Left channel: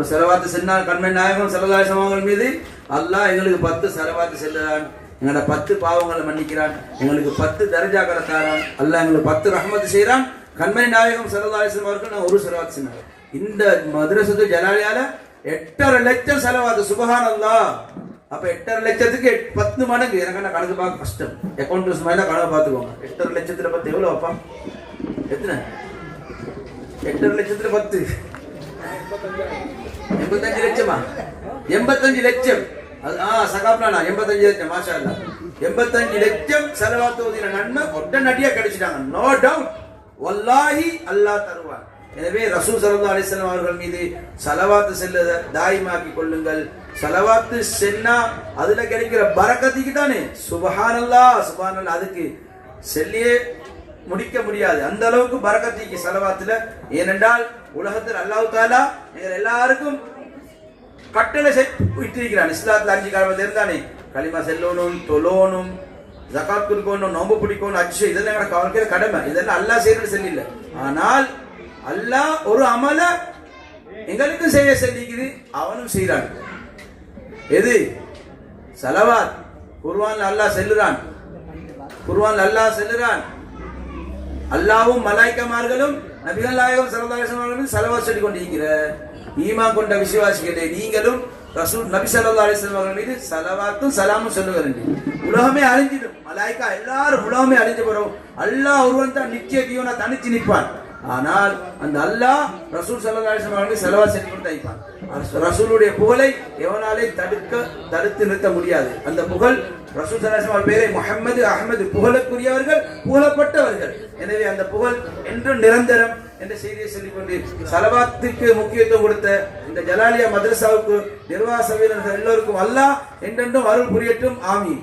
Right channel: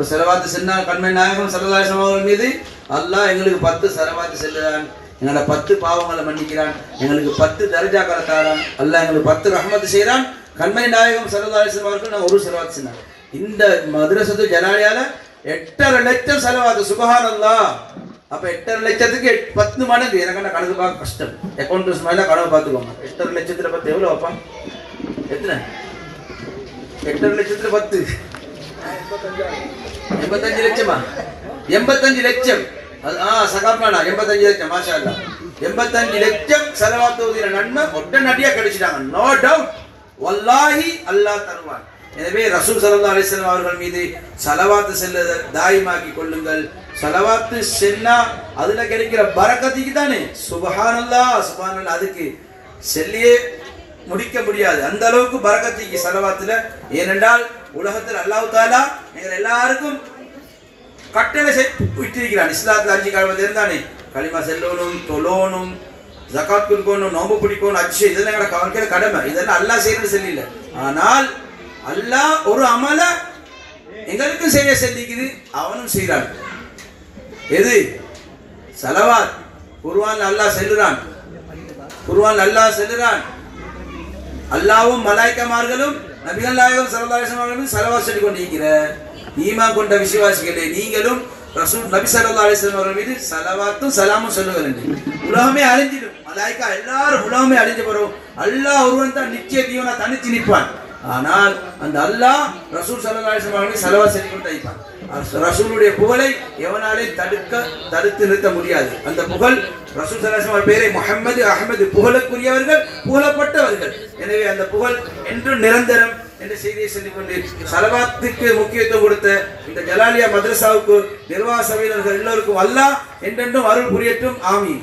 ஒரு செலவாத்து சென்றால் கண்மணி நாயகம் ஸல்லல்லாஹு அலைஹி வஸல்லம் மீது அல்லாஹ் எங்களுக்கு 10 செலவாத்து செல்லுறான், எங்களோட 10 பாவங்களை மன்னிக்கிறான், எங்களுக்கு 10 தர்ஜாக்களை தரான், அல்லாஹ் எங்களுக்கு 10 ரஹ்மத் செய்கிறான். கண்மணி நாயகம் ஸல்லல்லாஹு அலைஹி வஸல்லம் அவர்கள் நான் ஒரு செலவாத்து சொன்னாங்க. இந்த மதரசத்து ஜலாலியால 8.5 லட்சம் செலவாத்து. சுப்ஹானல்லாஹ். அப்ப 8.5 லட்சத்துக்கு 10 மடங்கு. எனக்கு என்ன கணக்கு பார்க்க கஷ்டம், அக்கௌண்ட்ஸ் மேல கணக்கு பார்த்துக்கோங்க. 8.5 லட்சத்துல 10 எவ்வளவு அப்பா? எத்தனை? 8.5 லட்சத்துல 10 85 லட்சமா? 85 லட்சம். சகாப்னா 85 லட்சம். மாஷா அல்லாஹ். 85 லட்சம் செலவாத்துவதில் நன்மை உடனடியாக கிடைச்சிட்டாங்க. நோ டவுட், வல்லாஹி அல்லாஹ் தருவான். எனவே ரசூல் ஸல்லல்லாஹு அலைஹி வஸல்லம் அவர்கள் மீது ஸலவாத்து செல்லுத தாயிமாக்கி கொள்ளுங்கள். ஸலவாத்து சென்னா அதுல கிடைக்கிற பரக்கத்துக்கு தானே. சுப்ஹானல்லாஹ் சுப்ஹானல்லாஹ். அதுக்கு சொல்லியே முடிக்க முடியாது, அந்த அளவுக்கு பரக்கத்துக்கு ஸலவாத்துல. ஏனென்றால் உலகத்தில் அல்லாஹ் தஆலா எங்கள் எல்லாருக்கும் கட்டளை விட்டிருக்கிறான். இஸ்லாத்துல 5 காலத்துல இருந்தானே களிமா செல்லணும், தொழணும், ஜகாத் கொடுக்கணும், நோம்பு பிடிக்கணும், அஜ், இதெல்லாம் எங்களோட வாழ்க்கையில கடமை. இதெல்லாம் அல்லாஹ் செய்யறது செல்லில்லை. ஆனால் அல்லாஹ் ஒரு அமல எங்களுக்கு செய்ய சொல்லிக்குது, அவனும் செய்யறான். எது? ஸலவாத். குர்ஆன் அல்லாஹ் சொல்லுறான், குர்ஆன் அல்லாஹ் சொல்லுறான். அல்லாஹ்வும் மலாயிக்காமார்களும் நபிகள் நாயகம் ஸல்லல்லாஹு அலைஹி வஸல்லம் அவர்களும் ஸலவாத் சொல்லி கொண்டிருக்கிற ஈமான் கொண்ட விசுவாசிகளே, நீங்களும் ரசூல் நபி ஸல்லல்லாஹு அலைஹி வஸல்லம் அவர்கள் மீது ஸலவாத்தும் ஸலாமும் சொல்லுங்கள். உலகமே அழிஞ்சிடும், மலாயிக்கா எல்லாரும் உலகமே அழிஞ்சு போறோம். அல்லாஹ் ஒருவன் தான் நித்திய ஜீவனா தனித்து நிற்பான். ஆனால் அந்த அல்லாஹ் ரசூல் ஸல்லல்லாஹு அலைஹி வஸல்லம் அவர்களை ஸலவாத் சொல்லி கொண்டு வைப்பான். ரசூலுடைய புகழை எவனாலே தடுத்து நிறுத்த முடியாது. அந்த புகழ் ரசூல் ஸல்லல்லாஹு அலைஹி வஸல்லம் பேரை முஹம்மது அஹ்மது, புகழுக்குரியவர்கள், புகழப்பட்டவர்கள். எனவே அந்த புகழ் என்றும் நிரந்தரம் என்ற செய்தியை சொல்லிக் கொண்டு ஸலவாத்துக்கு முக்கியத்துவம் கொடுத்த இந்த ஜலாலியா மதரசாவுக்கு நிர்வாக சபையினர்கள் எல்லோருக்கும் அல்லாஹ் என்றென்றும் அருள் புரியட்டும். ஆமீன்.